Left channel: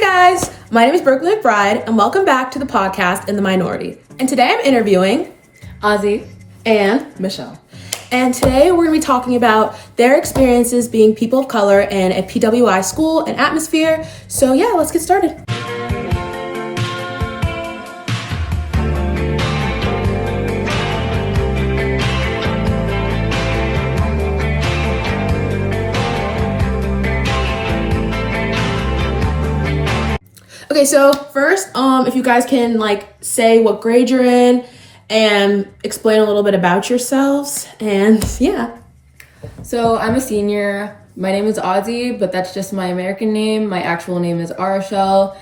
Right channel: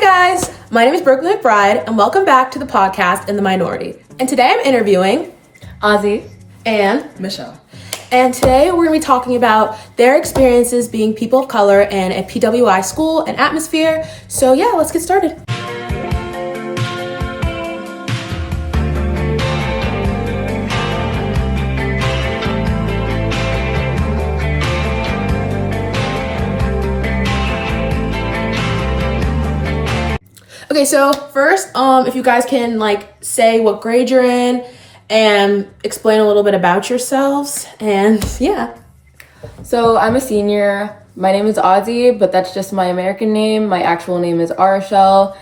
guys, my name is Brooklyn McBride, and welcome back to the podcast In the Minority. And today I'm interviewing Ozzy and Michelle. And today we're going to be talking about their experiences being people of color in a PWI school and atmosphere. So yeah, let's get started. Okay, so first, if you guys can say what grade you're in and explain a little bit about yourselves, and yeah. So I'm a senior. My name is Ozzy, but that's just my American name. My actual name is Arashel.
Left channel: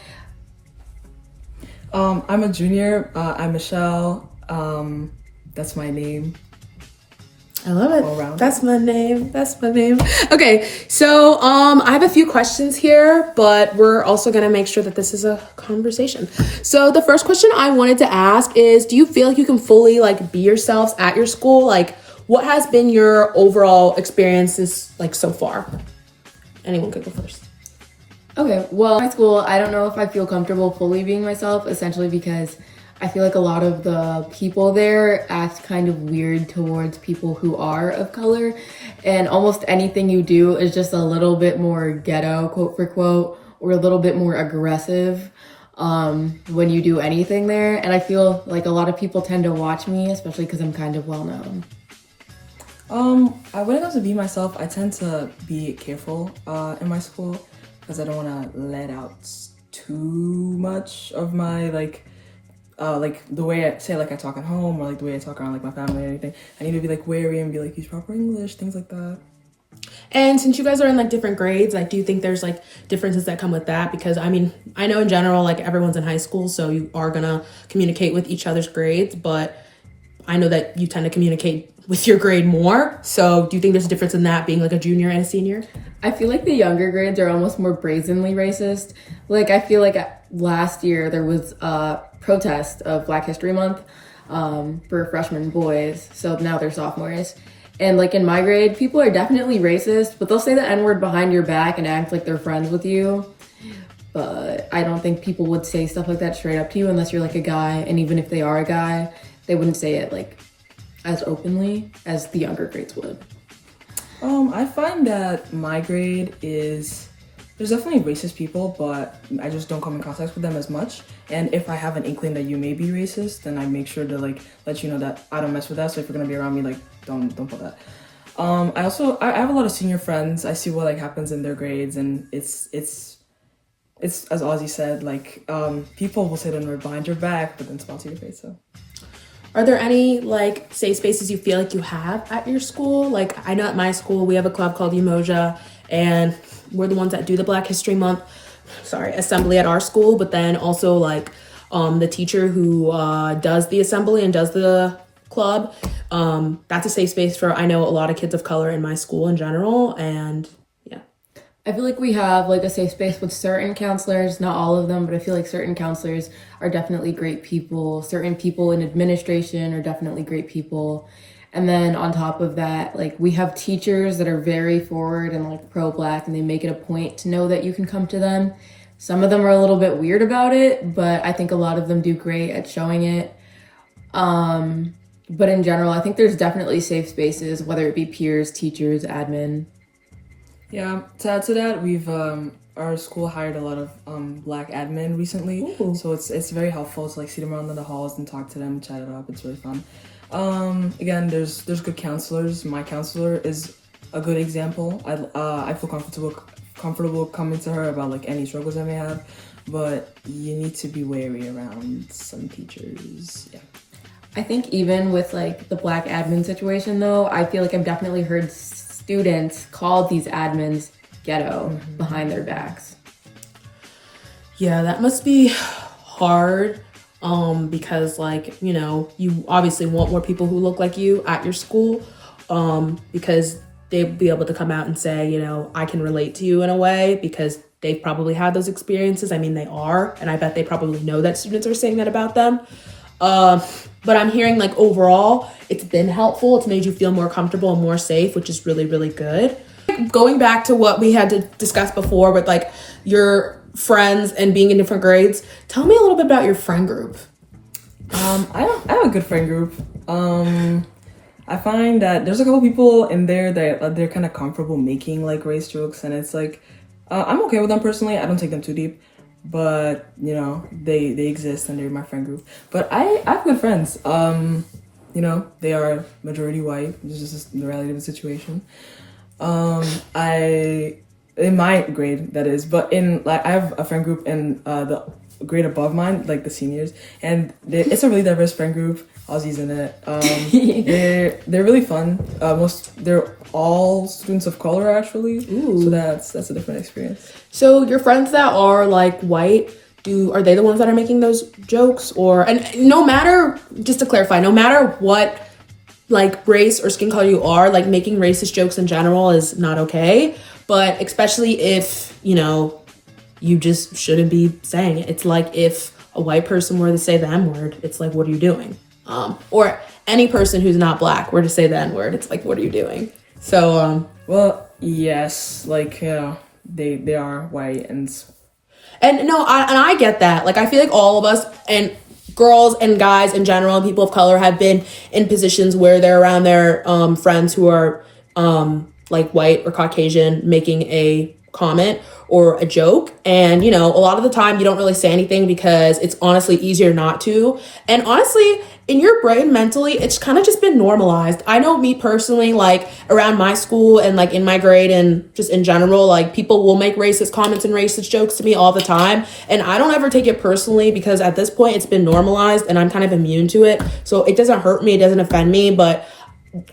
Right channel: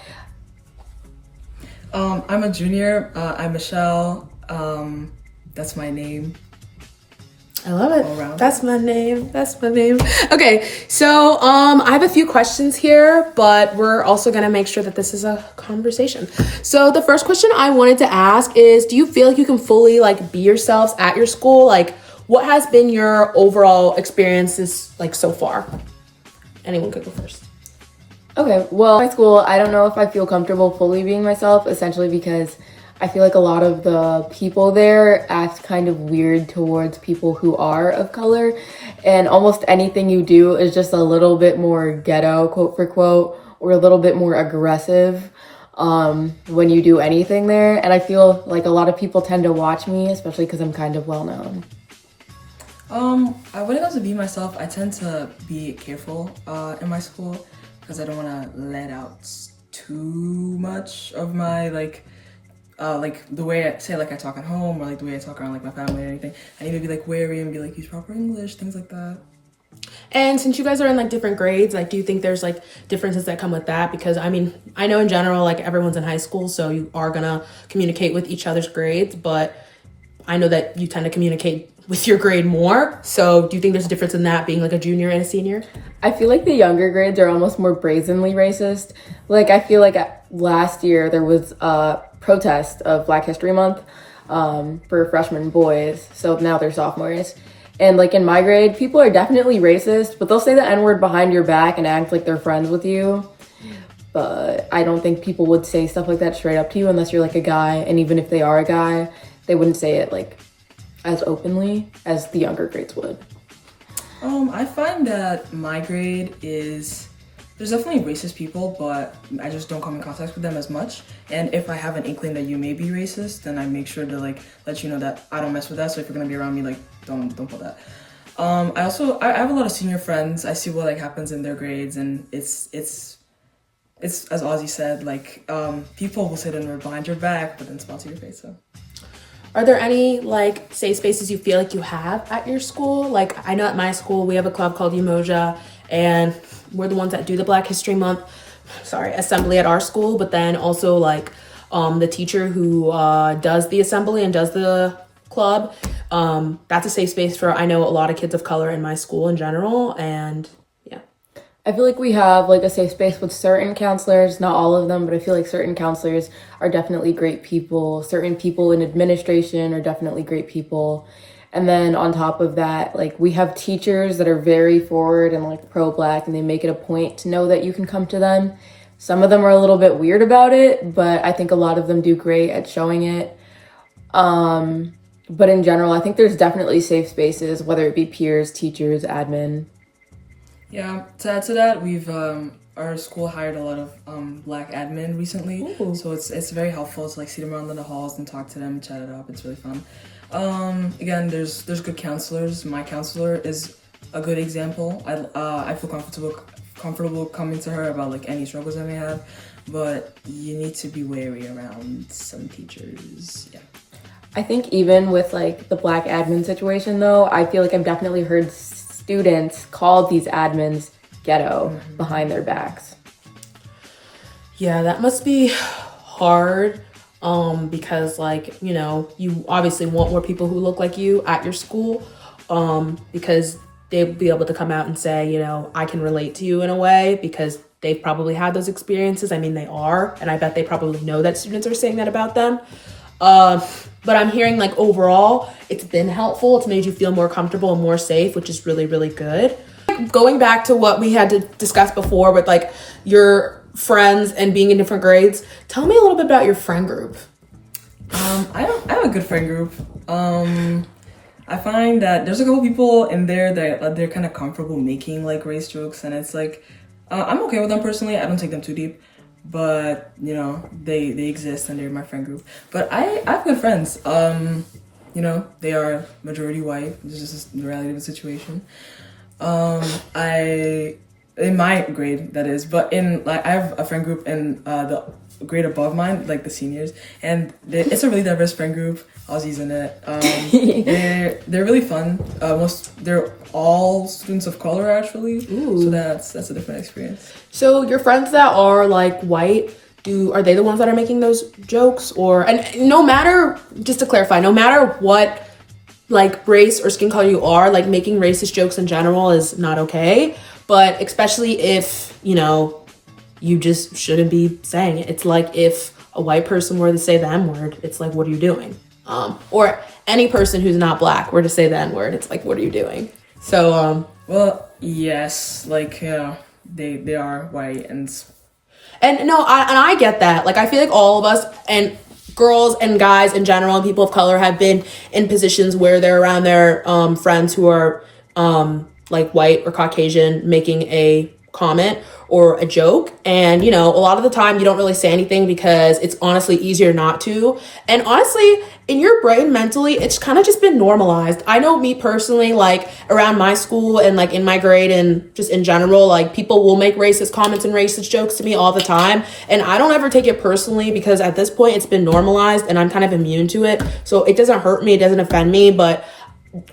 I'm a junior. I'm Michelle. That's my name. I love it. That's my name. Okay, so I have a few questions here, but we're also gonna make sure that this is a conversation. So the first question I wanted to ask is, do you feel like you can fully be yourselves at your school? What has been your overall experiences so far? Anyone could go first. Okay, well, at school, I don't know if I feel comfortable fully being myself, essentially because I feel like a lot of the people there act kind of weird towards people who are of color, and almost anything you do is just a little bit more ghetto, quote for quote, or a little bit more aggressive when you do anything there. And I feel like a lot of people tend to watch me, especially because I'm kind of well known. When it comes to being myself, I tend to be careful in my school because I don't want to let out too much of my the way I say I talk at home, or the way I talk around my family or anything. I need to be wary and be use proper English, things like that. And since you guys are in different grades, do you think there's differences that come with that? Because I know in general everyone's in high school, so you are gonna communicate with each other's grades, but I know that you tend to communicate with your grade more. So do you think there's a difference in that, being a junior and a senior? I feel like the younger grades are almost more brazenly racist. I feel like last year there was a protest of Black History Month for freshman boys. So now they're sophomores. And in my grade, people are definitely racist, but they'll say the N-word behind your back and act like they're friends with you. But I don't think people would say stuff like that straight up to you unless you're a guy. And even if they are a guy, they wouldn't say it as openly as the younger grades would. I find that my grade there's definitely racist people, but I just don't come in contact with them as much. And if I have an inkling that you may be racist, then I make sure to let you know that I don't mess with that. So if you're gonna be around me, don't put that. I have a lot of senior friends. I see what happens in their grades, and it's as Ozzy said, people will say they're behind your back, but then smile to your face. So. Are there any safe spaces you feel you have at your school? I know at my school we have a club called Umoja, and we're the ones that do the Black History Month assembly at our school. But then also the teacher who does the assembly and does the club, that's a safe space for, I know, a lot of kids of color in my school in general. And yeah, I feel we have a safe space with certain counselors, not all of them, but I feel certain counselors are definitely great people. Certain people in administration are definitely great people. And then on top of that, we have teachers that are very forward and pro-Black, and they make it a point to know that you can come to them. Some of them are a little bit weird about it, but I think a lot of them do great at showing it. But in general, I think there's definitely safe spaces, whether it be peers, teachers, admin. Yeah, to add to that, we've our school hired a lot of Black admin recently. Ooh. So it's very helpful to see them around in the halls and talk to them, chat it up. It's really fun. Again, there's good counselors. My counselor is a good example. I feel comfortable coming to her about any struggles I may have, but you need to be wary around some teachers. Yeah. I think even with the Black admin situation though, I feel I've definitely heard students call these admins ghetto behind their backs. Yeah, that must be hard because you obviously want more people who look like you at your school because they'll be able to come out and say, I can relate to you in a way, because they've probably had those experiences. They are, and I bet they probably know that students are saying that about them. But I'm hearing overall it's been helpful. It's made you feel more comfortable and more safe, which is really, really good. Going back to what we had to discuss before with your friends and being in different grades, tell me a little bit about your friend group. I have a good friend group. I find that there's a couple people in there that they're kind of comfortable making like race jokes, and it's like I'm okay with them personally. I don't take them too deep, but you know they exist and they're my friend group. But I have good friends. You know, they are majority white. It's just the reality of the situation. I in my grade, that is, but in like I have a friend group in the grade above mine, like the seniors, and it's a really diverse friend group. Aussies in it. They're really fun. They're all students of color actually. Ooh. So that's a different experience. So your friends that are like white, are they the ones that are making those jokes? And no matter, just to clarify, no matter what like race or skin color you are, like making racist jokes in general is not okay. But especially if, you know, you just shouldn't be saying it. It's like if a white person were to say the N-word, it's like, what are you doing? Or any person who's not black were to say the N-word, it's like, what are you doing? So, well, yes, like, you know, they are white and no, I get that. Like, I feel like all of us and girls and guys in general and people of color have been in positions where they're around their friends who are like white or Caucasian making a comment or a joke, and you know, a lot of the time you don't really say anything because it's honestly easier not to. And honestly, in your brain mentally, it's kind of just been normalized. I know me personally, like around my school and like in my grade and just in general, like people will make racist comments and racist jokes to me all the time, and I don't ever take it personally because at this point it's been normalized and I'm kind of immune to it, so it doesn't hurt me, it doesn't offend me. But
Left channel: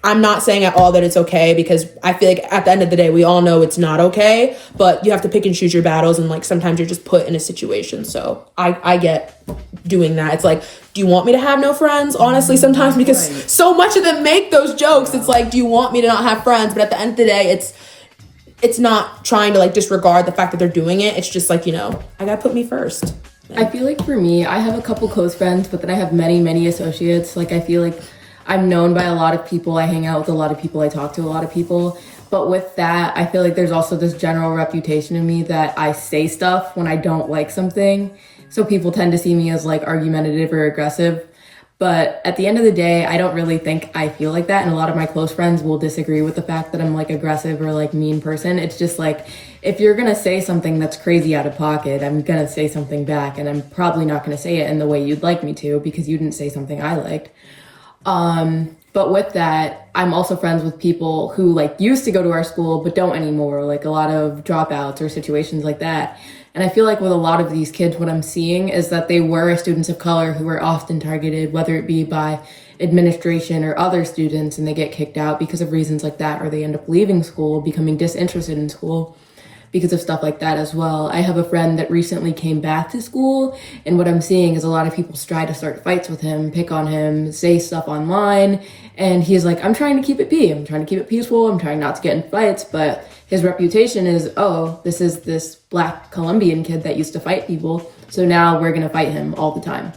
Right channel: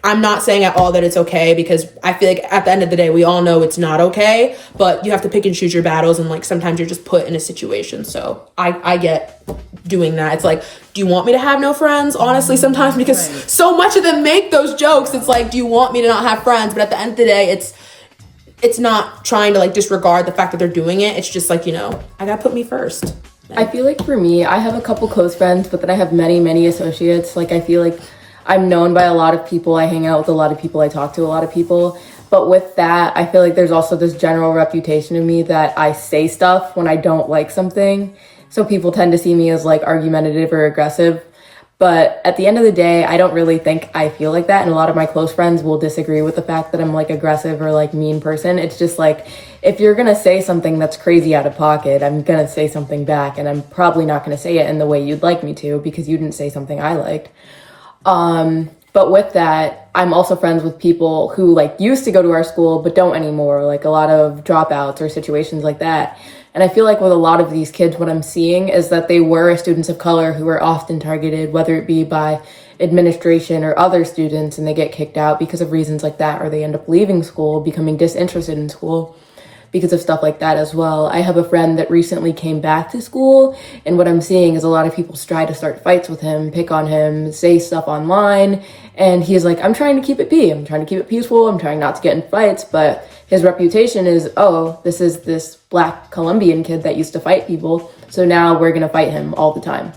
I'm not saying at all that it's okay, because I feel like at the end of the day, we all know it's not okay, but you have to pick and choose your battles. And like, sometimes you're just put in a situation. So I get doing that. It's like, do you want me to have no friends? Honestly, sometimes, because so much of them make those jokes. It's like, do you want me to not have friends? But at the end of the day, it's not trying to like disregard the fact that they're doing it. It's just like, you know, I gotta put me first. I feel like for me, I have a couple close friends, but then I have many, many associates. Like, I feel like I'm known by a lot of people. I hang out with a lot of people. I talk to a lot of people. But with that, I feel like there's also this general reputation of me that I say stuff when I don't like something. So people tend to see me as like argumentative or aggressive. But at the end of the day, I don't really think I feel like that. And a lot of my close friends will disagree with the fact that I'm like aggressive or like mean person. It's just like, if you're going to say something that's crazy out of pocket, I'm going to say something back. And I'm probably not going to say it in the way you'd like me to, because you didn't say something I liked. But with that, I'm also friends with people who like used to go to our school, but don't anymore, like a lot of dropouts or situations like that. And I feel like with a lot of these kids, what I'm seeing is that they were students of color who were often targeted, whether it be by administration or other students, and they get kicked out because of reasons like that, or they end up leaving school, becoming disinterested in school because of stuff like that as well. I have a friend that recently came back to school, and what I'm seeing is a lot of people try to start fights with him, pick on him, say stuff online, and he's like, I'm trying to keep it I'm trying to keep it peaceful, I'm trying not to get in fights, but his reputation is, oh, this is this Black Colombian kid that used to fight people, so now we're gonna fight him all the time.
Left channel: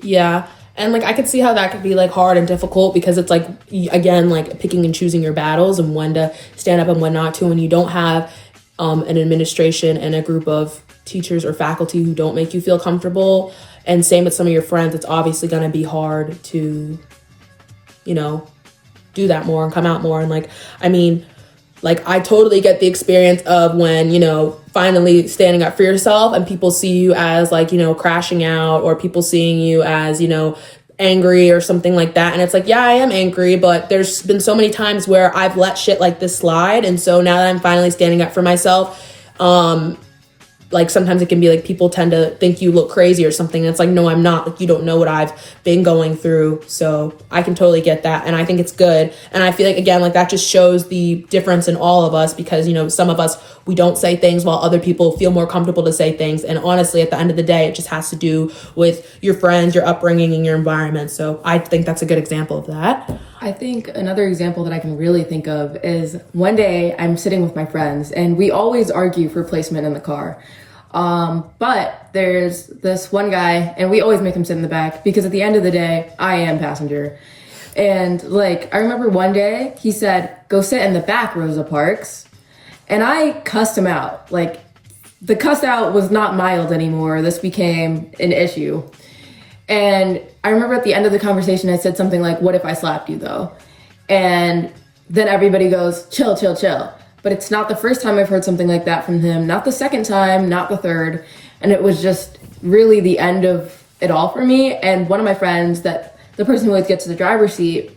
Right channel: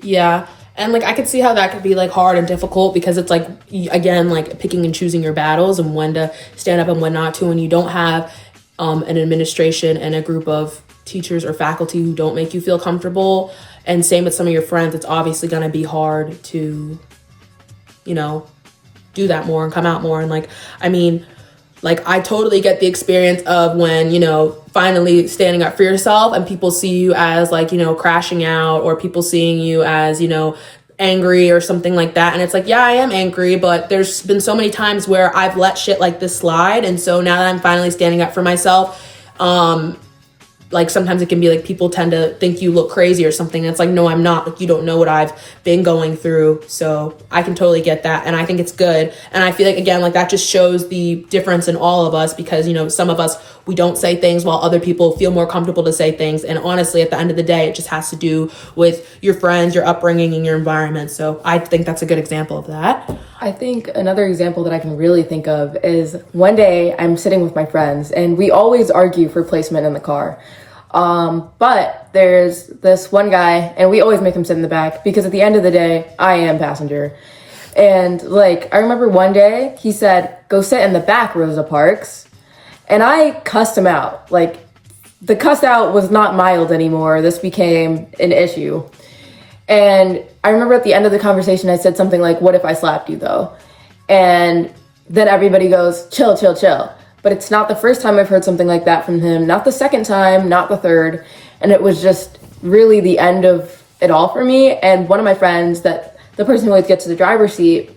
Yeah. And like, I could see how that could be like hard and difficult, because it's like, again, like picking and choosing your battles and when to stand up and when not to, and you don't have an administration and a group of teachers or faculty who don't make you feel comfortable. And same with some of your friends, it's obviously going to be hard to, you know, do that more and come out more. And like, I mean, like, I totally get the experience of when, you know, finally standing up for yourself and people see you as like, you know, crashing out, or people seeing you as, you know, angry or something like that. And it's like, yeah, I am angry, but there's been so many times where I've let shit like this slide. And so now that I'm finally standing up for myself, like sometimes it can be like people tend to think you look crazy or something. And it's like, no, I'm not. Like, you don't know what I've been going through. So I can totally get that. And I think it's good. And I feel like, again, like that just shows the difference in all of us, because, you know, some of us, we don't say things while other people feel more comfortable to say things. And honestly, at the end of the day, it just has to do with your friends, your upbringing, and your environment. So I think that's a good example of that. I think another example that I can really think of is one day I'm sitting with my friends and we always argue for placement in the car. But there's this one guy and we always make him sit in the back because at the end of the day, I am passenger. And like, I remember one day he said, go sit in the back, Rosa Parks. And I cussed him out like the cuss out was not mild anymore. This became an issue. And I remember at the end of the conversation, I said something like, "What if I slapped you though?" And then everybody goes, "Chill, chill, chill." But it's not the first time I've heard something like that from him, not the second time, not the third. And it was just really the end of it all for me. And one of my friends, that the person who always gets to the driver's seat,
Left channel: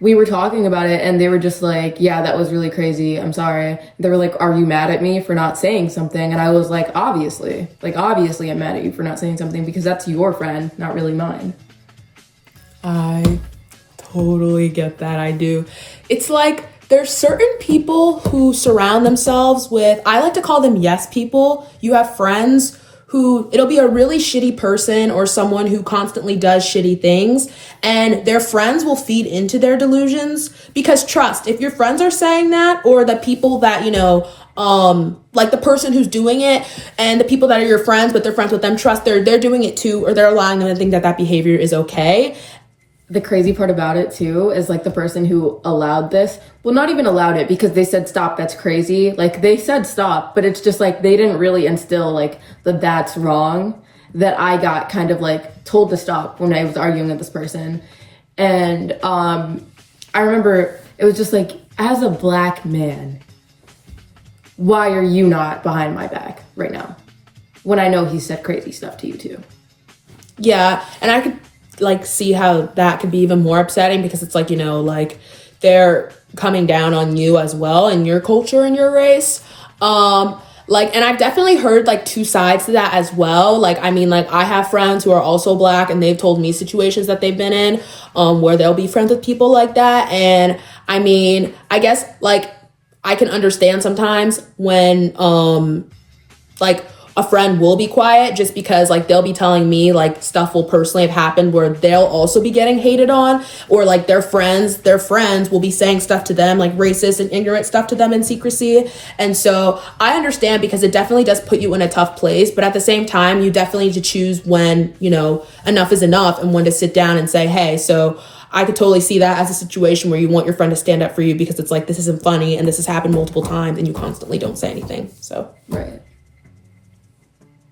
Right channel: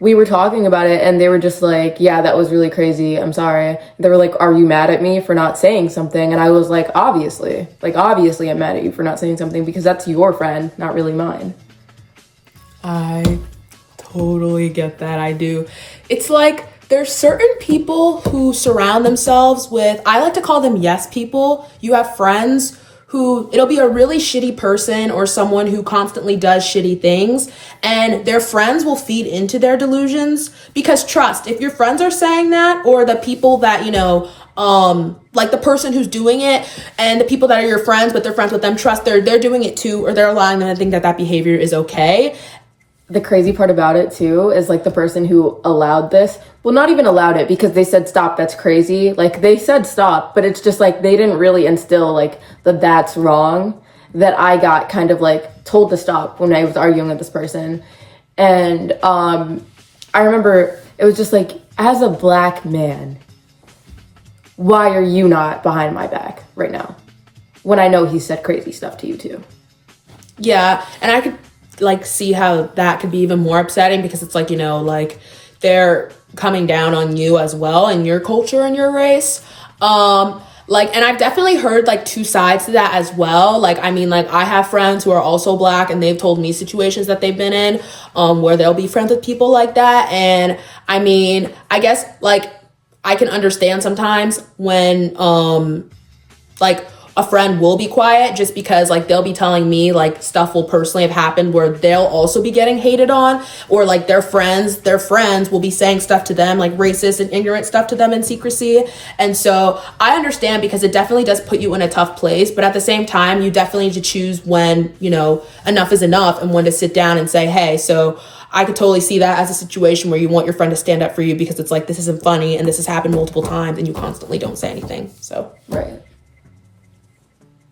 we were talking about it and they were just like, "Yeah, that was really crazy. I'm sorry." They were like, "Are you mad at me for not saying something?" And I was like, obviously I'm mad at you for not saying something because that's your friend, not really mine. I totally get that. I do. It's like there's certain people who surround themselves with, I like to call them yes people. You have friends who, it'll be a really shitty person or someone who constantly does shitty things, and their friends will feed into their delusions. Because trust, if your friends are saying that, or the people that, you know, like the person who's doing it and the people that are your friends but they're friends with them, trust they're doing it too, or they're allowing them to think that that behavior is okay. The crazy part about it too is like the person who allowed this, well, not even allowed it because they said stop, that's crazy. Like they said stop, but it's just like they didn't really instill like that's wrong, that I got kind of like told to stop when I was arguing with this person. And I remember it was just like, as a black man, why are you not behind my back right now when I know he said crazy stuff to you too? Yeah, and I could like see how that could be even more upsetting because it's like, you know, like they're coming down on you as well and your culture and your race. Like, and I've definitely heard like two sides to that as well. Like, I mean, like I have friends who are also black and they've told me situations that they've been in, where they'll be friends with people like that. And I mean, I guess like I can understand sometimes when, like a friend will be quiet just because like they'll be telling me like stuff will personally have happened where they'll also be getting hated on, or like their friends will be saying stuff to them like racist and ignorant stuff to them in secrecy. And so I understand because it definitely does put you in a tough place, but at the same time you definitely need to choose when, you know, enough is enough and when to sit down and say, hey, so I could totally see that as a situation where you want your friend to stand up for you because it's like, this isn't funny and this has happened multiple times and you constantly don't say anything. So right.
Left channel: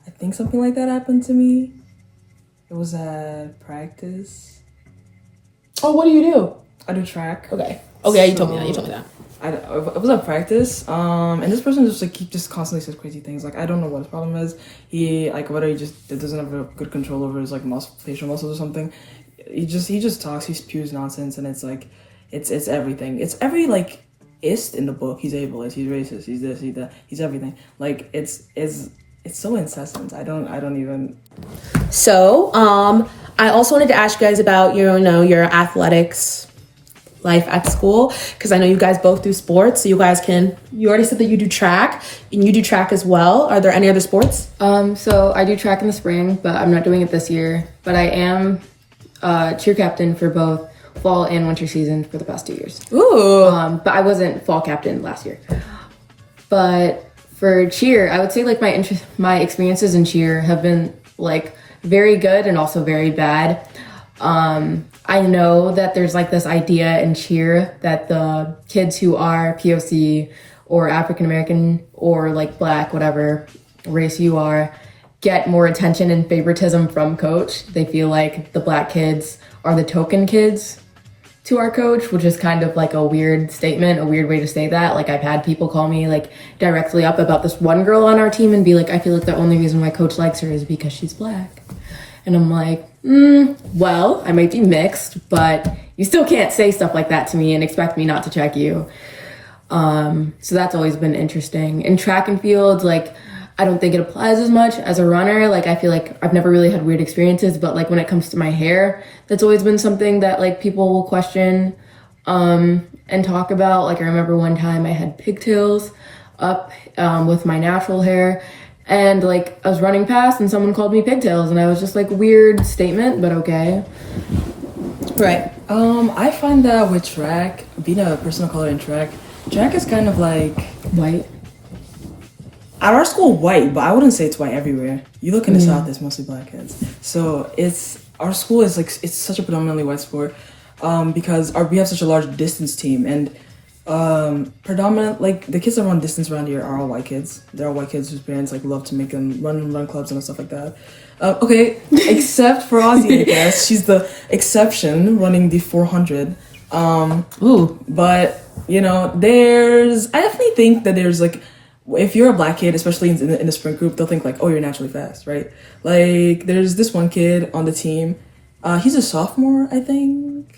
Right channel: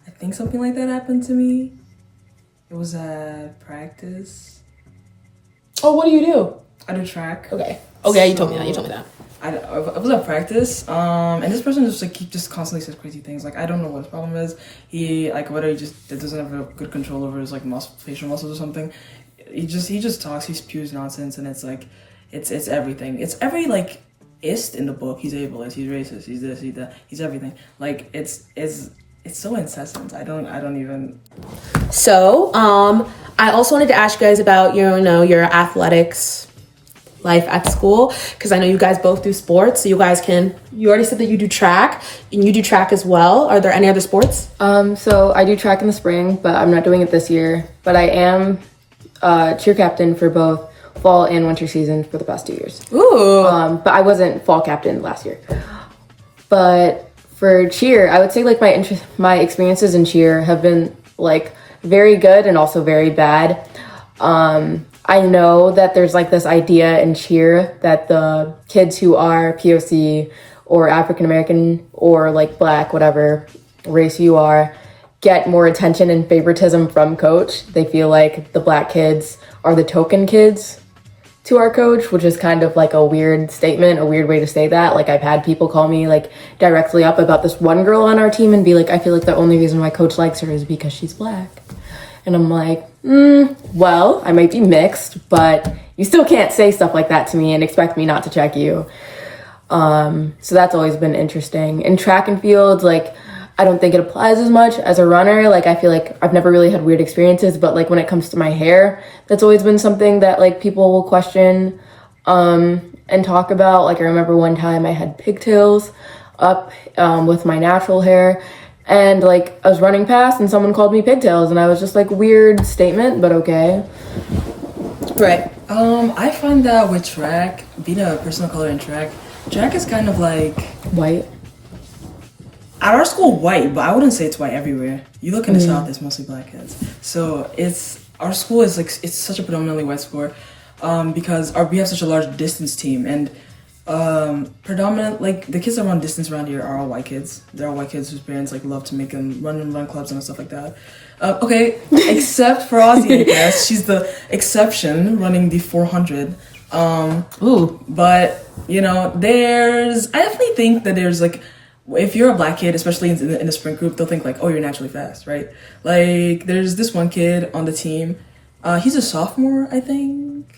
I think something like that happened to me. It was at practice. oh, what do you do? I do track. Okay, you told me that. It was at practice, and this person just like he just constantly says crazy things. Like I don't know what his problem is. He like whether he just doesn't have a good control over his like facial muscles or something. He just talks. He spews nonsense, and it's like it's everything. It's every like ist in the book. He's ableist. He's racist. He's this. He's that. He's everything. Like it's so incessant. I don't even. So, I also wanted to ask you guys about your athletics life at school, because I know you guys both do sports. So you already said that you do track, and you do track as well. Are there any other sports? So I do track in the spring, but I'm not doing it this year. But I am cheer captain for both fall and winter season for the past 2 years. Ooh. But I wasn't fall captain last year. But for cheer, I would say like my experiences in cheer have been like very good and also very bad. I know that there's like this idea in cheer that the kids who are POC or African American or like black, whatever race you are, get more attention and favoritism from coach. They feel like the black kids are the token kids to our coach, which is kind of like a weird statement, a weird way to say that. Like I've had people call me like directly up about this one girl on our team and be like, I feel like the only reason why coach likes her is because she's black. And I'm like, well, I might be mixed, but you still can't say stuff like that to me and expect me not to check you. So that's always been interesting. In track and field, like I don't think it applies as much as a runner. Like I feel like I've never really had weird experiences, but like when it comes to my hair, that's always been something that like people will question and talk about. Like I remember one time I had pigtails up with my natural hair, and like I was running past and someone called me pigtails, and I was just like, weird statement, but okay. Right. I find that with track, being a person of color in track is kind of like White. At our school, white, but I wouldn't say it's white everywhere. You look in the South, it's mostly black kids. So our school is like, it's such a predominantly white sport, because we have such a large distance team, and Predominant, like the kids that run distance around here are all white kids. They're all white kids whose parents like love to make them run clubs and stuff like that. Okay, except for Ozzy, I guess she's the exception running the 400. But you know, I definitely think that there's like, if you're a black kid, especially in the sprint group, they'll think like, oh, you're naturally fast, right? Like there's this one kid on the team. He's a sophomore, I think.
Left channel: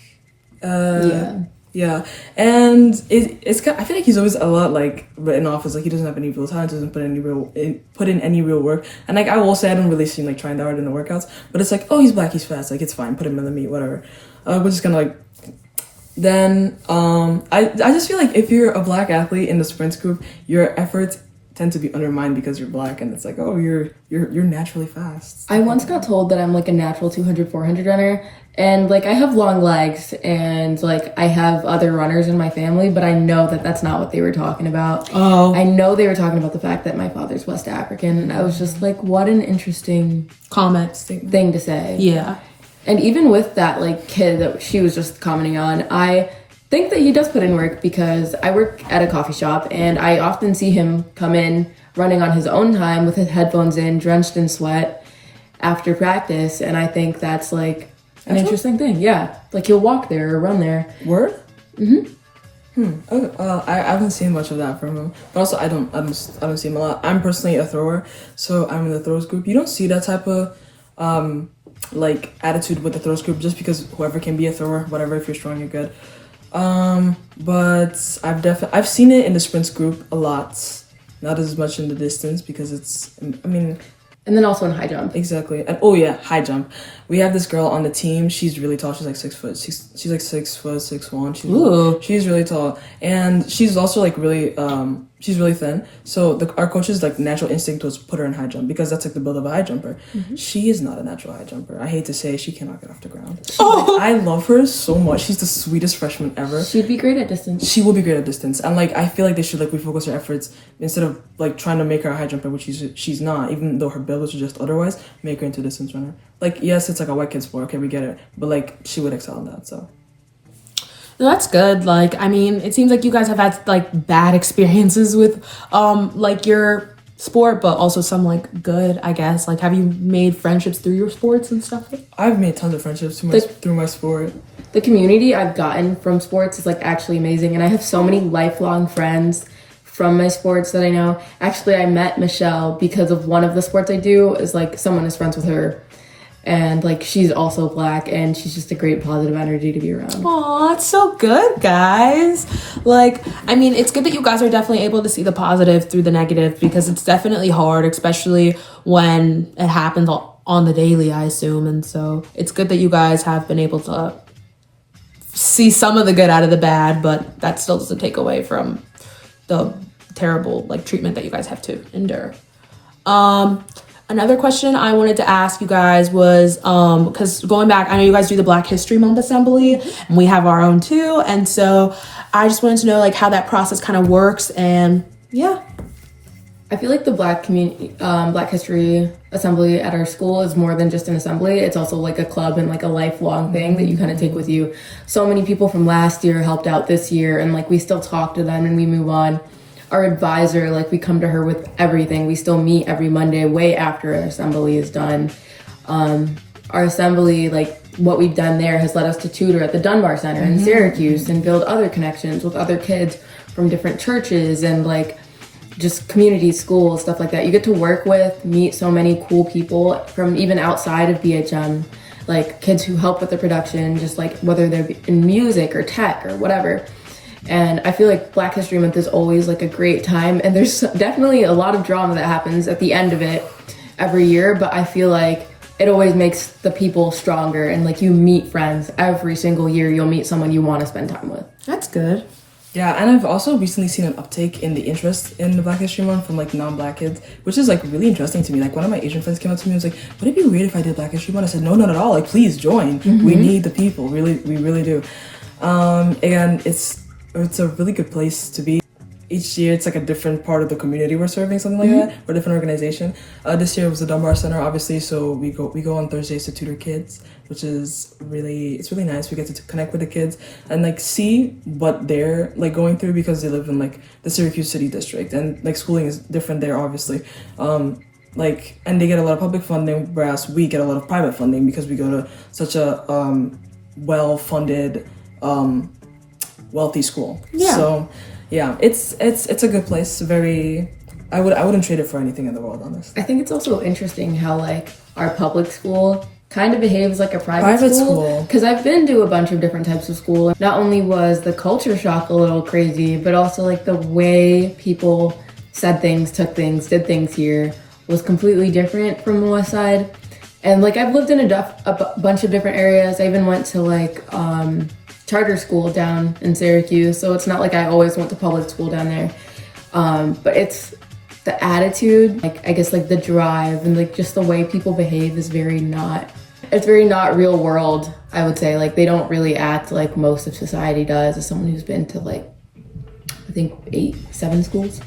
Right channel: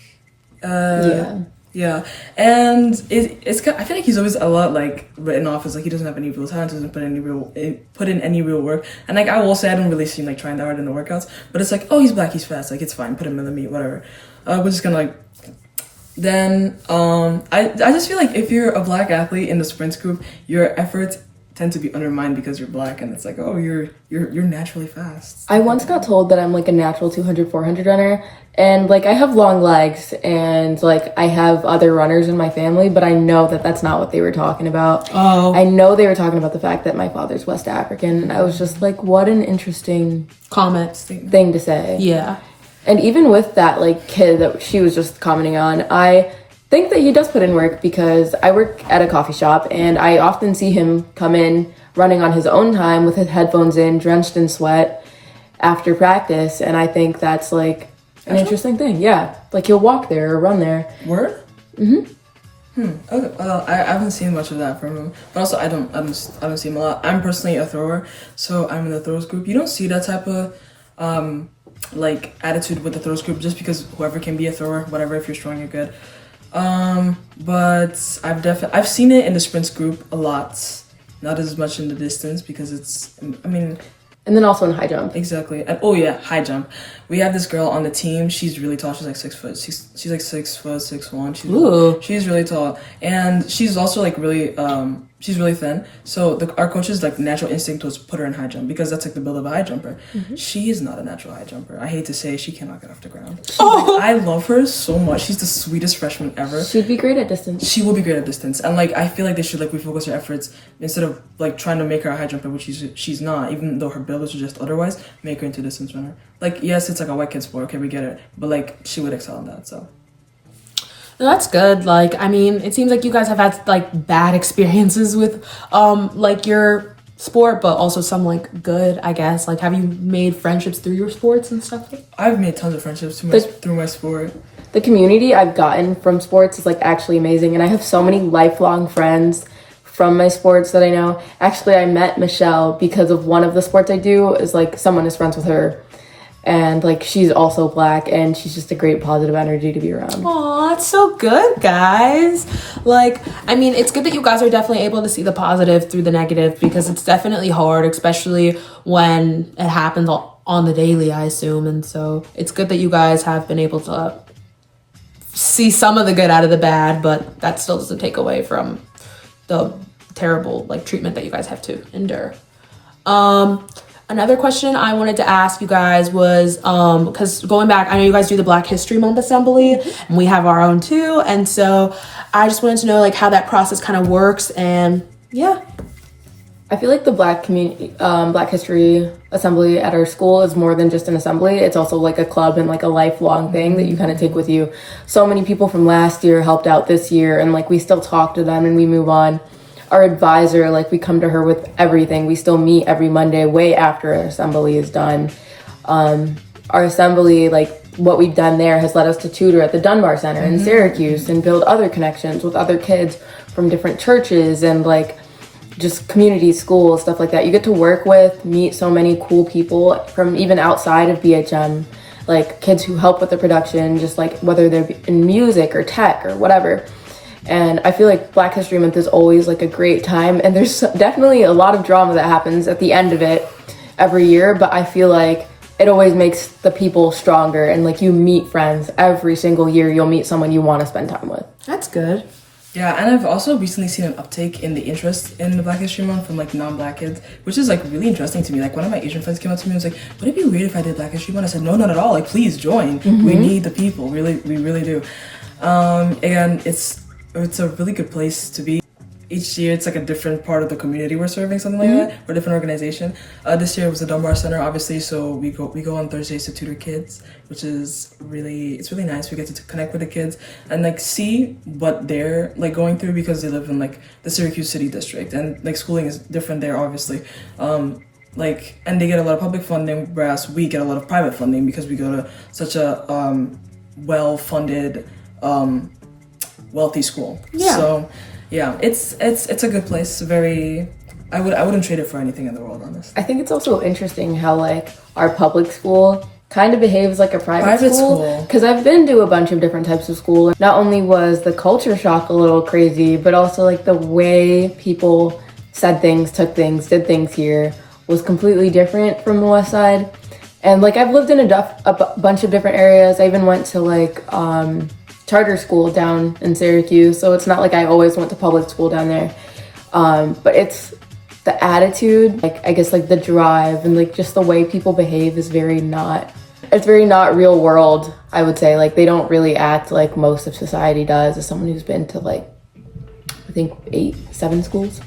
Yeah, and it's I feel like he's always a lot like written off as like he doesn't have any real talent, doesn't put in any real work. And like I will say, I don't really see him like trying that hard in the workouts, but it's like, oh, he's black, he's fast, like it's fine, put him in the meet, whatever. We're just gonna like. Then I just feel like if you're a black athlete in the sprints group, your efforts tend to be undermined because you're black, and it's like, oh, you're naturally fast. I once got told that I'm like a natural 200, 400 runner, and like I have long legs, and like I have other runners in my family, but I know that that's not what they were talking about. Oh. I know they were talking about the fact that my father's West African, and I was just like, what an interesting comment thing to say. Yeah. And even with that like kid that she was just commenting on, I think that he does put in work, because I work at a coffee shop and I often see him come in running on his own time with his headphones in, drenched in sweat after practice. And I think that's like an interesting thing. Yeah. Like he'll walk there or run there. Word? Mm-hmm. Okay. I haven't seen much of that from him, but also I don't see him a lot. I'm personally a thrower, so I'm in the throws group. You don't see that type of like attitude with the throws group, just because whoever can be a thrower, whatever, if you're strong, you're good. But I've seen it in the sprints group a lot, not as much in the distance, because and then also in high jump. Exactly. And oh yeah, high jump. We have this girl on the team. She's really tall. She's like 6 foot. She's like 6 foot, 6'1". She's really tall, and she's also like really she's really thin. So our coach's like natural instinct was put her in high jump, because that's like the build of a high jumper. Mm-hmm. She is not a natural high jumper. I hate to say, she cannot get off the ground. I love her so much. She's the sweetest freshman ever. She'd be great at distance. She will be great at distance, and like I feel like they should like refocus her efforts, instead of like trying to make her a high jumper, which she's not. Even though her build is just otherwise, make her into a distance runner. Like yes, it's like a white kid sport. Okay, we get it, but like she would excel in that. So. That's good. Like, I mean, it seems like you guys have had like bad experiences with like your sport, but also some like good, I guess. Like, have you made friendships through your sports and stuff? I've made tons of friendships through my sport. The community I've gotten from sports is like actually amazing, and I have so many lifelong friends from my sports that I know. Actually, I met Michelle because of one of the sports I do, is like someone is friends with her. And like she's also black, and she's just a great positive energy to be around. Aw, that's so good, guys. Like, I mean, it's good that you guys are definitely able to see the positive through the negative, because it's definitely hard, especially when it happens on the daily, I assume. And so it's good that you guys have been able to see some of the good out of the bad, but that still doesn't take away from the terrible like treatment that you guys have to endure. Another question I wanted to ask you guys was, because going back, I know you guys do the Black History Month assembly, and we have our own too. And so I just wanted to know like how that process kind of works. And yeah. I feel like the Black History Assembly at our school is more than just an assembly. It's also like a club and like a lifelong thing that you kind of take with you. So many people from last year helped out this year, and like we still talk to them and we move on. Our advisor, like we come to her with everything. We still meet every Monday way after our assembly is done. Our assembly, like what we've done there has led us to tutor at the Dunbar Center in Syracuse and build other connections with other kids from different churches and like just community schools, stuff like that. You get to work with, meet so many cool people from even outside of BHM, like kids who help with the production, just like whether they're in music or tech or whatever. And I feel like Black History Month is always like a great time, and there's definitely a lot of drama that happens at the end of it every year, but I feel like it always makes the people stronger, and like you meet friends every single year. You'll meet someone you want to spend time with. That's good. Yeah, and I've also recently seen an uptake in the interest in the Black History Month from like non-black kids, which is like really interesting to me. Like one of my Asian friends came up to me and was like, would it be weird if I did Black History Month? I said, no, not at all. Like, please join. We need the people. Really, we really do. Again, it's a really good place to be. each year it's like a different part of the community we're serving, something like that, or a different organization. This year it was the Dunbar Center, obviously, so we go on Thursdays to tutor kids, which is really nice. We get to connect with the kids and like see what they're like going through, because they live in like the Syracuse City District, and like schooling is different there, obviously. And they get a lot of public funding, whereas we get a lot of private funding because we go to such a well-funded, wealthy school. Yeah. So yeah, it's a good place. I wouldn't trade it for anything in the world, honestly. I think it's also interesting how like our public school kind of behaves like a private school. Because I've been to a bunch of different types of school. Not only was the culture shock a little crazy, but also like the way people said things, took things, did things here was completely different from the West Side. And like I've lived in a bunch of different areas. I even went to like charter school down in Syracuse, so it's not like I always went to public school down there. But it's the attitude, like I guess like the drive and like just the way people behave is very not real world, I would say. Like they don't really act like most of society does, as someone who's been to like I think 7 schools.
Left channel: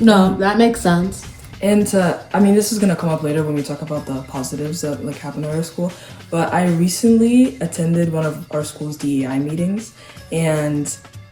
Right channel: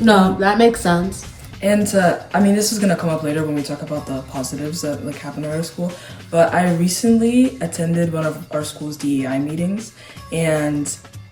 No, that makes sense. And I mean, this is gonna come up later when we talk about the positives that like happen at our school. But I recently attended one of our school's DEI meetings, and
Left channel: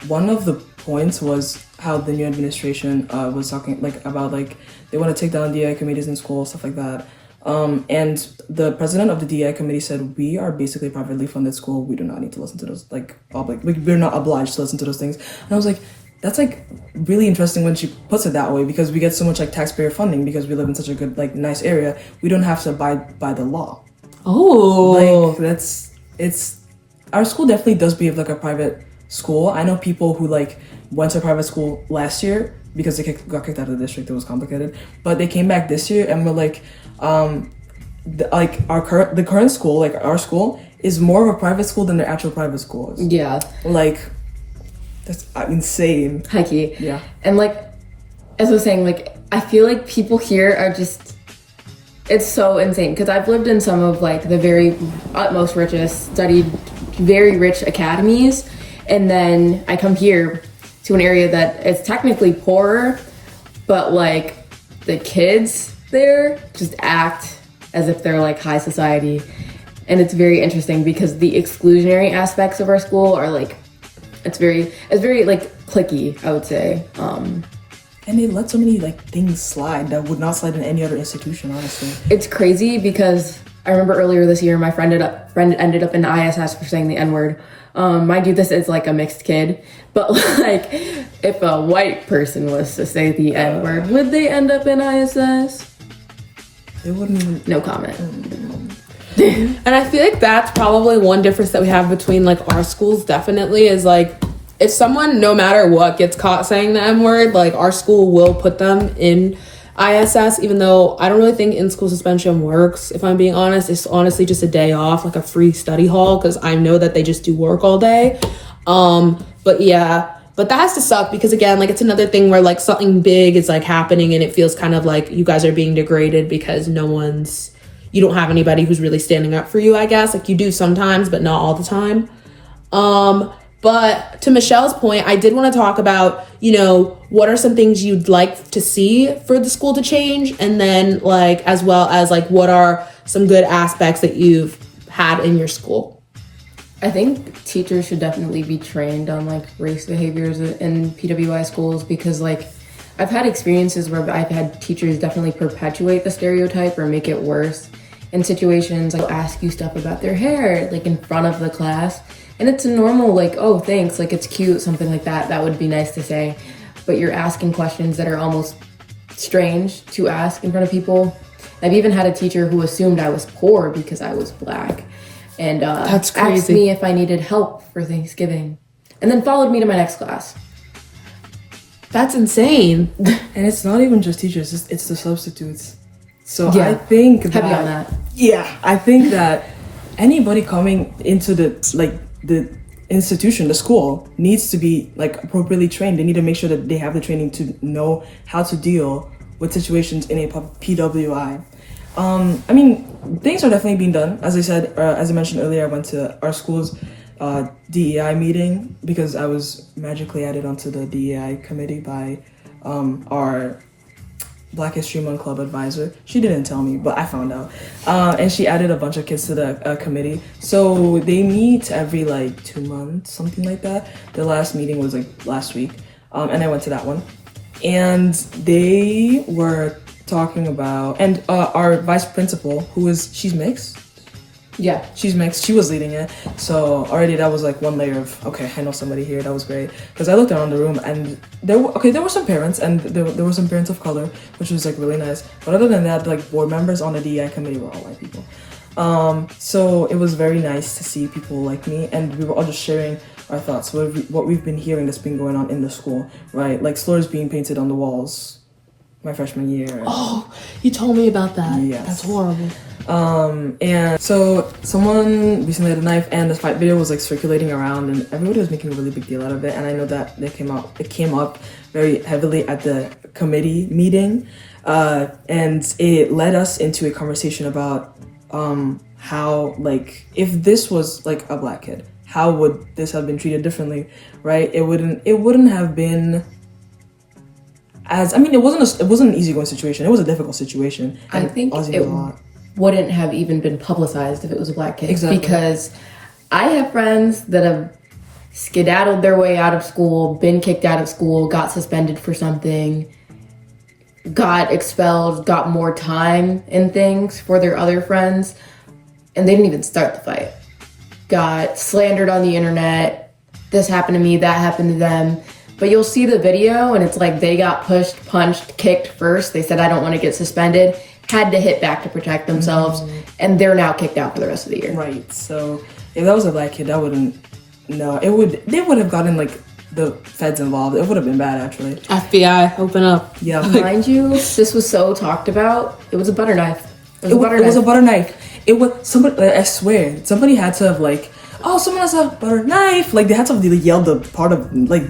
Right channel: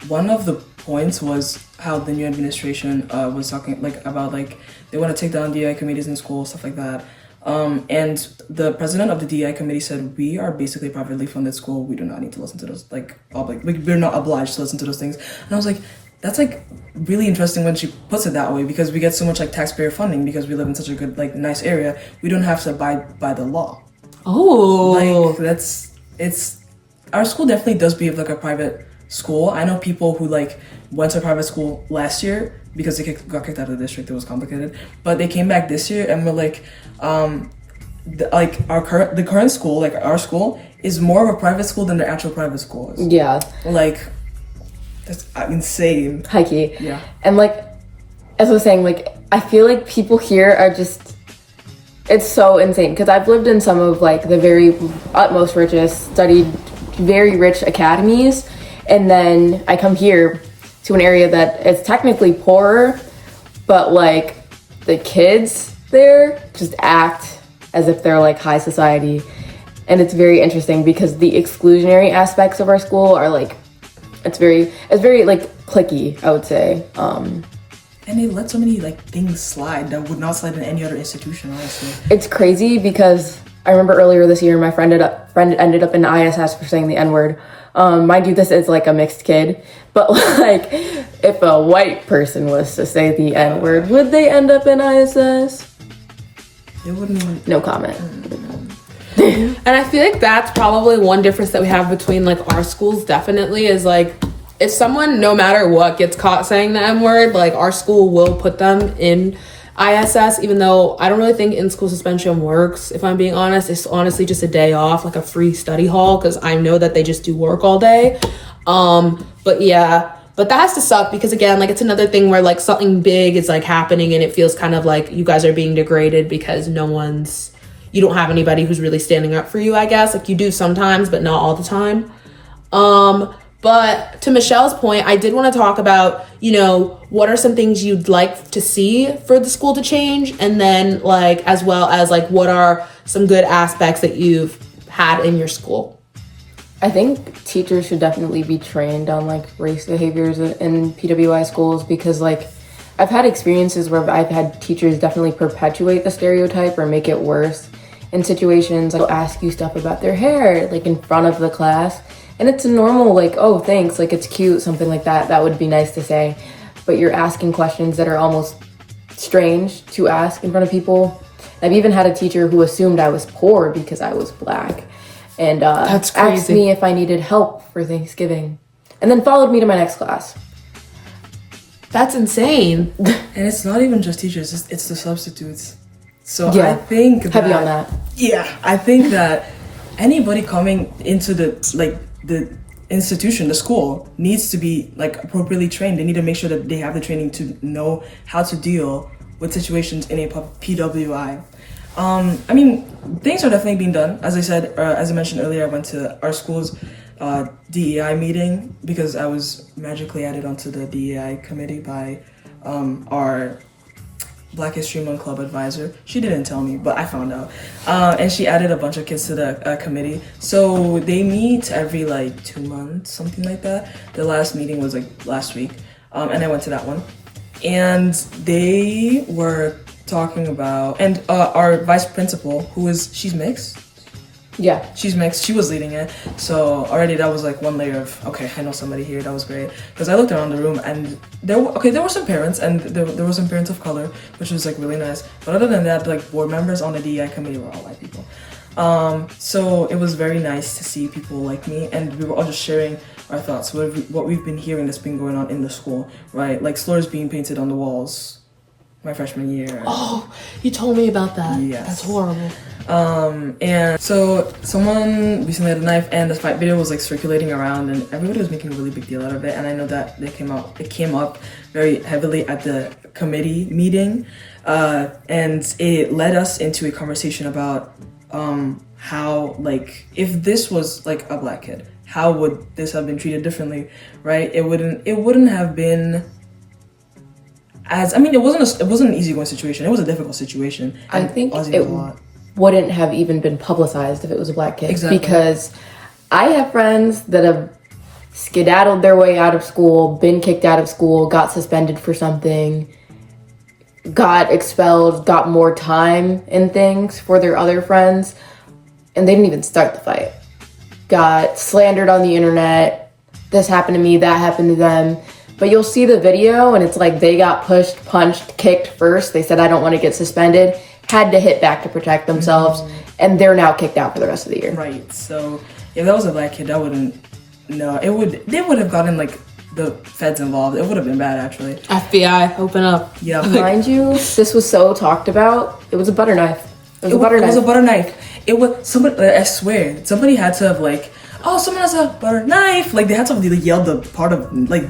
one of the points was how the new administration was talking like about like they want to take down DEI committees in school, stuff like that. And the president of the DEI committee said, "We are basically a privately funded school. We do not need to listen to those we're not obliged to listen to those things." And I was like, that's like really interesting when she puts it that way, because we get so much like taxpayer funding because we live in such a good like nice area. We don't have to abide by the law. Oh, like, our school definitely does behave like a private school. I know people who like went to a private school last year because they got kicked out of the district. It was complicated, but they came back this year and were like, the current school, like our school, is more of a private school than the actual private school is. Yeah. Like. That's insane. High key. Yeah. And like, as I was saying, like, I feel like people here are just, it's so insane. Because I've lived in some of like the very utmost richest, studied very rich academies. And then I come here to an area that is technically poorer, but like the kids there just act as if they're like high society. And it's very interesting because the exclusionary aspects of our school are like, it's very like cliquey, I would say. And they let so many like things slide that would not slide in any other institution, honestly. It's crazy because I remember earlier this year my friend ended up in ISS for saying the N-word. Mind you, this is like a mixed kid, but like if a white person was to say the N-word, would they end up in ISS? They wouldn't even. No comment. And I feel like that's probably one difference that we have between like our schools, definitely, is like if someone, no matter what, gets caught saying the M-word, like our school will put them in ISS, even though I don't really think in-school suspension works, if I'm being honest. It's honestly just a day off, like a free study hall, because I know that they just do work all day. But yeah, but that has to suck because, again, like it's another thing where like something big is like happening and it feels kind of like you guys are being degraded because you don't have anybody who's really standing up for you, I guess. Like you do sometimes, but not all the time. But to Michelle's point, I did want to talk about, what are some things you'd like to see for the school to change? And then like, as well as like, what are some good aspects that you've had in your school? I think teachers should definitely be trained on like race behaviors in PWI schools, because like I've had experiences where I've had teachers definitely perpetuate the stereotype or make it worse in situations. They'll ask you stuff about their hair, like in front of the class. And it's a normal, like, oh, thanks, like it's cute, something like that. That would be nice to say. But you're asking questions that are almost strange to ask in front of people. I've even had a teacher who assumed I was poor because I was Black. And that's crazy. Asked me if I needed help for Thanksgiving. And then followed me to my next class. That's insane. And it's not even just teachers, it's the substitutes. So yeah, I think heavy on that. Yeah, I think that anybody coming into the institution, the school, needs to be like appropriately trained. They need to make sure that they have the training to know how to deal with situations in a PWI. I mean, things are definitely being done. As I said, as I mentioned earlier, I went to our school's DEI meeting because I was magically added onto the DEI committee by our Black History Month Club advisor. She didn't tell me, but I found out. And she added a bunch of kids to the committee. So they meet every like 2 months, something like that. The last meeting was like last week, and I went to that one. And they were talking about, and our vice principal, she's mixed. Yeah. She's mixed. She was leading it. So already that was like one layer of, okay, I know somebody here. That was great. Because I looked around the room and there were some parents and there were some parents of color, which was like really nice. But other than that, like board members on the DEI committee were all white people. So it was very nice to see people like me, and we were all just sharing our thoughts, what we've been hearing that's been going on in the school, right? Like slurs being painted on the walls my freshman year. Oh, you told me about that. Yes. That's horrible. And so someone recently had a knife, and the fight video was like circulating around, and everybody was making a really big deal out of it. And I know that it came up very heavily at the committee meeting, and it led us into a conversation about how, like, if this was like a Black kid, how would this have been treated differently, right? It wouldn't have been it wasn't an easygoing situation. It was a difficult situation. I think it wouldn't have even been publicized if it was a Black kid. Exactly. Because I have friends that have skedaddled their way out of school, been kicked out of school, got suspended for something, got expelled, got more time in things for their other friends, and they didn't even start the fight. Got slandered on the internet. This happened to me, that happened to them. But you'll see the video and it's like they got pushed, punched, kicked first. They said, I don't want to get suspended. Had to hit back to protect themselves. And they're now kicked out for the rest of the year. Right. So if that was a Black kid, they would have gotten like the feds involved. It would have been bad, actually. FBI, open up. Yeah. Mind you, this was so talked about. It was a butter knife. It was a butter knife. It was somebody, I swear, somebody had to have like, oh, someone has a butter knife. Like they had to like yell the part of like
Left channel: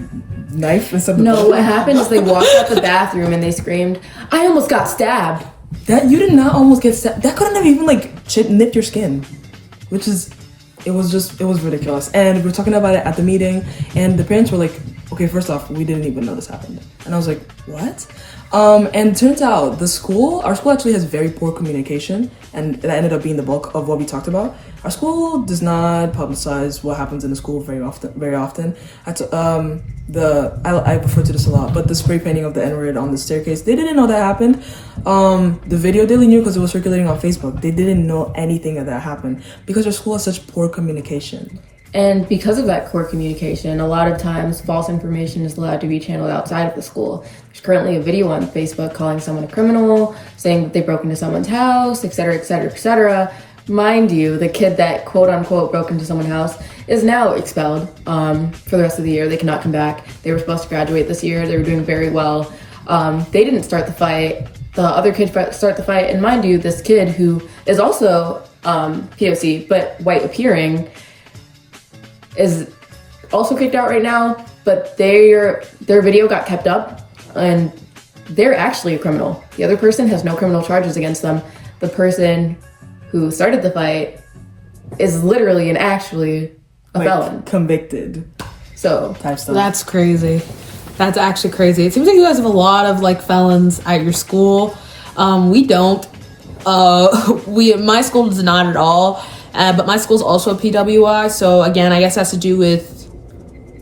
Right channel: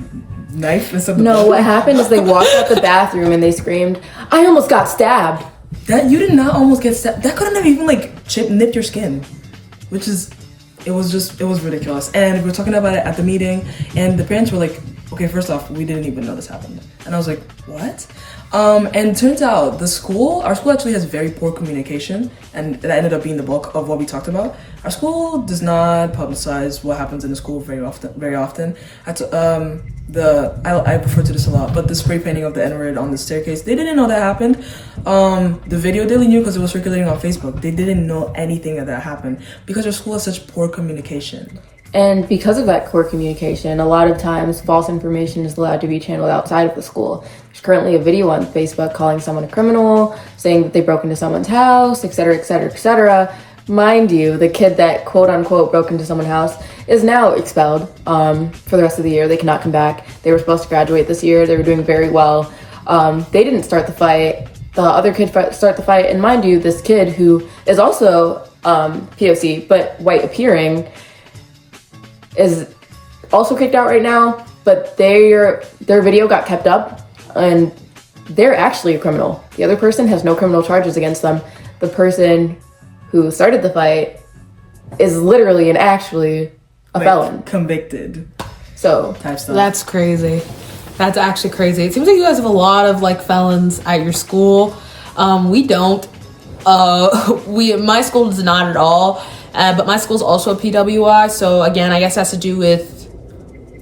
knife and stuff. No, what happened is they walked out the bathroom and they screamed, I almost got stabbed. That you did not almost get stabbed. That couldn't have even like nipped your skin, it was ridiculous. And we were talking about it at the meeting, and the parents were like, okay, first off, we didn't even know this happened. And I was like, what? And turns out our school actually has very poor communication, and that ended up being the bulk of what we talked about. Our school does not publicize what happens in the school very often. I refer to this a lot, but the spray painting of the N-word on the staircase, they didn't know that happened. The video they knew because it was circulating on Facebook. They didn't know anything of that happened because our school has such poor communication. And because of that poor communication, a lot of times false information is allowed to be channeled outside of the school. There's currently a video on Facebook calling someone a criminal, saying that they broke into someone's house, etc., etc., etc. Mind you, the kid that quote-unquote broke into someone's house is now expelled for the rest of the year. They cannot come back. They were supposed to graduate this year. They were doing very well. They didn't start the fight. The other kid started the fight. And mind you, this kid who is also POC, but white appearing, is also kicked out right now. But their video got kept up, and they're actually a criminal. The other person has no criminal charges against them. The person who started the fight is literally and actually a felon. Convicted. So type stuff. That's crazy. That's actually crazy. It seems like you guys have a lot of like felons at your school. We don't. My school does not at all. But my school's also a PWI. So again, I guess it has to do with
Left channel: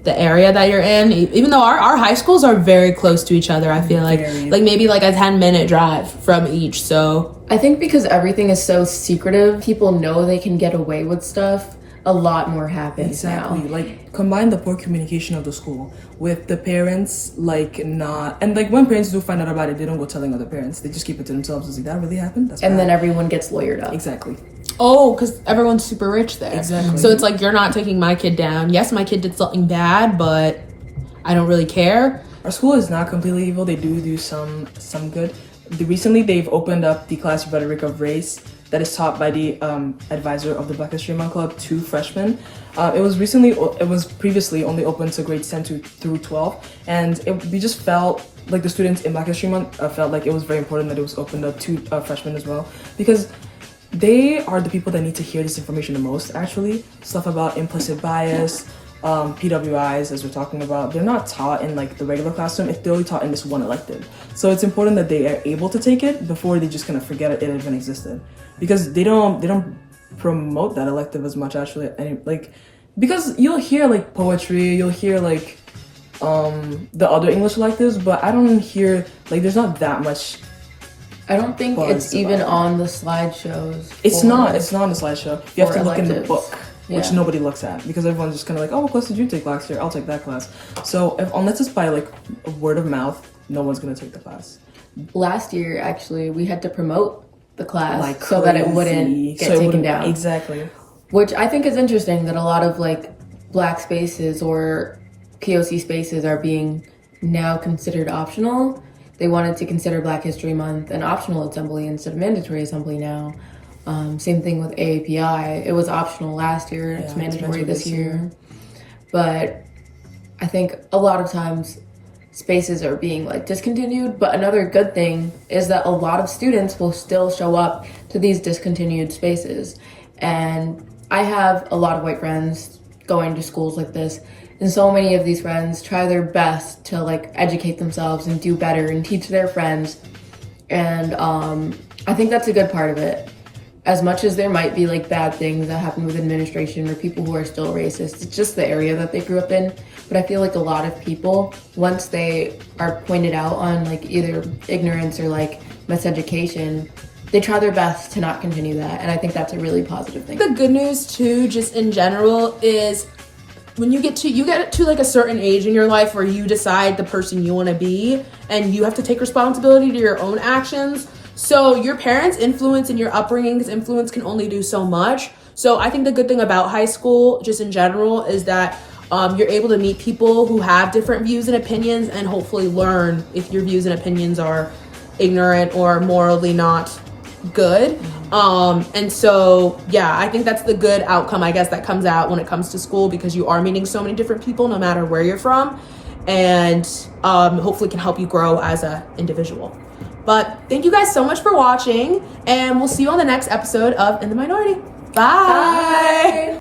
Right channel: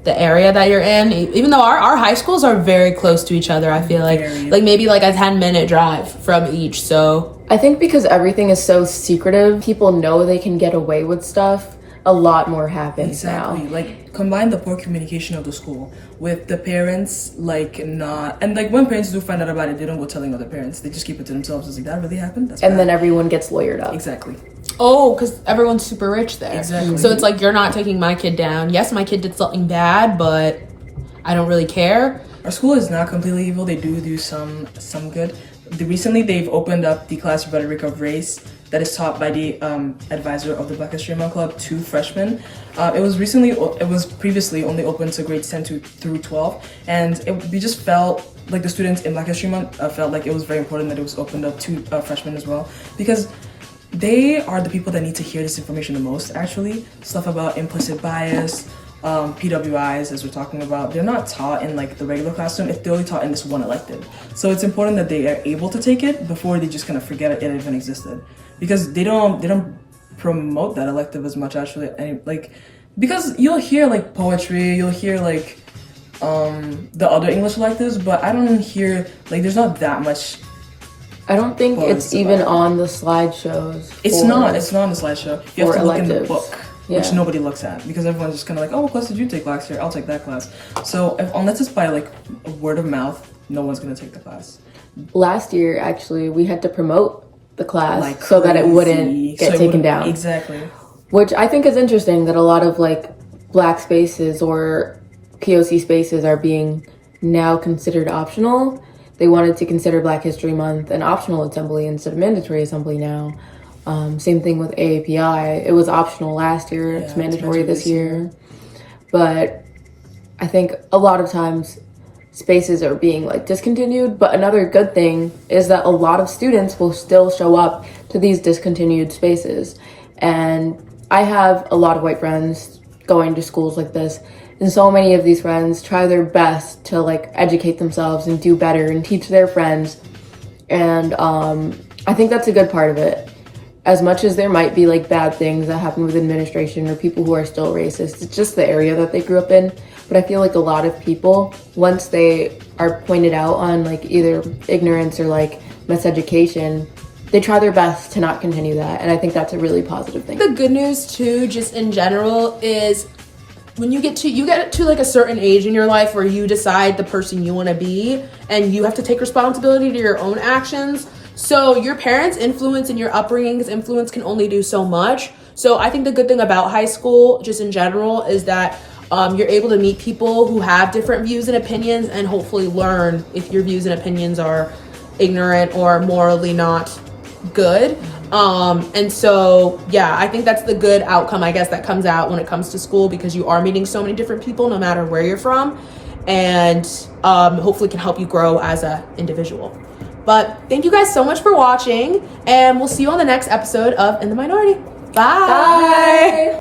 the area that you're in. Even though our high schools are very close to each other, I feel like maybe like a 10-minute drive from each. So I think because everything is so secretive, people know they can get away with stuff. A lot more happens now. Like combine the poor communication of the school with the parents and when parents do find out about it, they don't go telling other parents. They just keep it to themselves. It's like, that really happened? That's and bad. Then everyone gets lawyered up. Exactly. Oh, because everyone's super rich there. Exactly. So it's like, you're not taking my kid down. Yes, my kid did something bad, but I don't really care. Our school is not completely evil. They do some good. Recently, they've opened up the class Rhetoric of Race that is taught by the advisor of the Black History Month Club to freshmen. It was previously only open to grades 10 through 12, and we just felt like the students in Black History Month felt like it was very important that it was opened up to freshmen as well, because they are the people that need to hear this information the most, actually. Stuff about implicit bias, PWIs, as we're talking about, they're not taught in like the regular classroom. If they're only taught in this one elective. So it's important that they are able to take it before they just kind of forget it even existed. Because they don't promote that elective as much, actually. And like, because you'll hear like poetry, you'll hear like the other English electives, but I don't hear, like, there's not that much. I don't think it's even on the slideshows. It's not on the slideshow. You have to look in the book, which Yeah. nobody looks at, because everyone's just kind of like, oh, what class did you take last year? I'll take that class. So unless it's by like a word of mouth, no one's gonna take the class. Last year, actually, we had to promote the class Like so that it crazy. wouldn't So get it taken wouldn't- down. Exactly. Which I think is interesting that a lot of like Black spaces or POC spaces are being now considered optional. They wanted to consider Black History Month an optional assembly instead of mandatory assembly now. Same thing with AAPI. It was optional last year. It's mandatory this year. But I think a lot of times spaces are being like discontinued. But another good thing is that a lot of students will still show up to these discontinued spaces. And I have a lot of white friends going to schools like this. And so many of these friends try their best to like educate themselves and do better and teach their friends. And I think that's a good part of it. As much as there might be like bad things that happen with administration or people who are still racist, it's just the area that they grew up in. But I feel like a lot of people, once they are pointed out on like either ignorance or like miseducation, they try their best to not continue that. And I think that's a really positive thing. The good news too, just in general, is when you get to like a certain age in your life where you decide the person you want to be, and you have to take responsibility to your own actions. So your parents' influence and your upbringing's influence can only do so much. So I think the good thing about high school, just in general, is that you're able to meet people who have different views and opinions, and hopefully learn if your views and opinions are ignorant or morally not good. And so, yeah, I think that's the good outcome, I guess, that comes out when it comes to school, because you are meeting so many different people no matter where you're from, and hopefully can help you grow as an individual. But thank you guys so much for watching, and we'll see you on the next episode of In the Minority. Bye. Bye.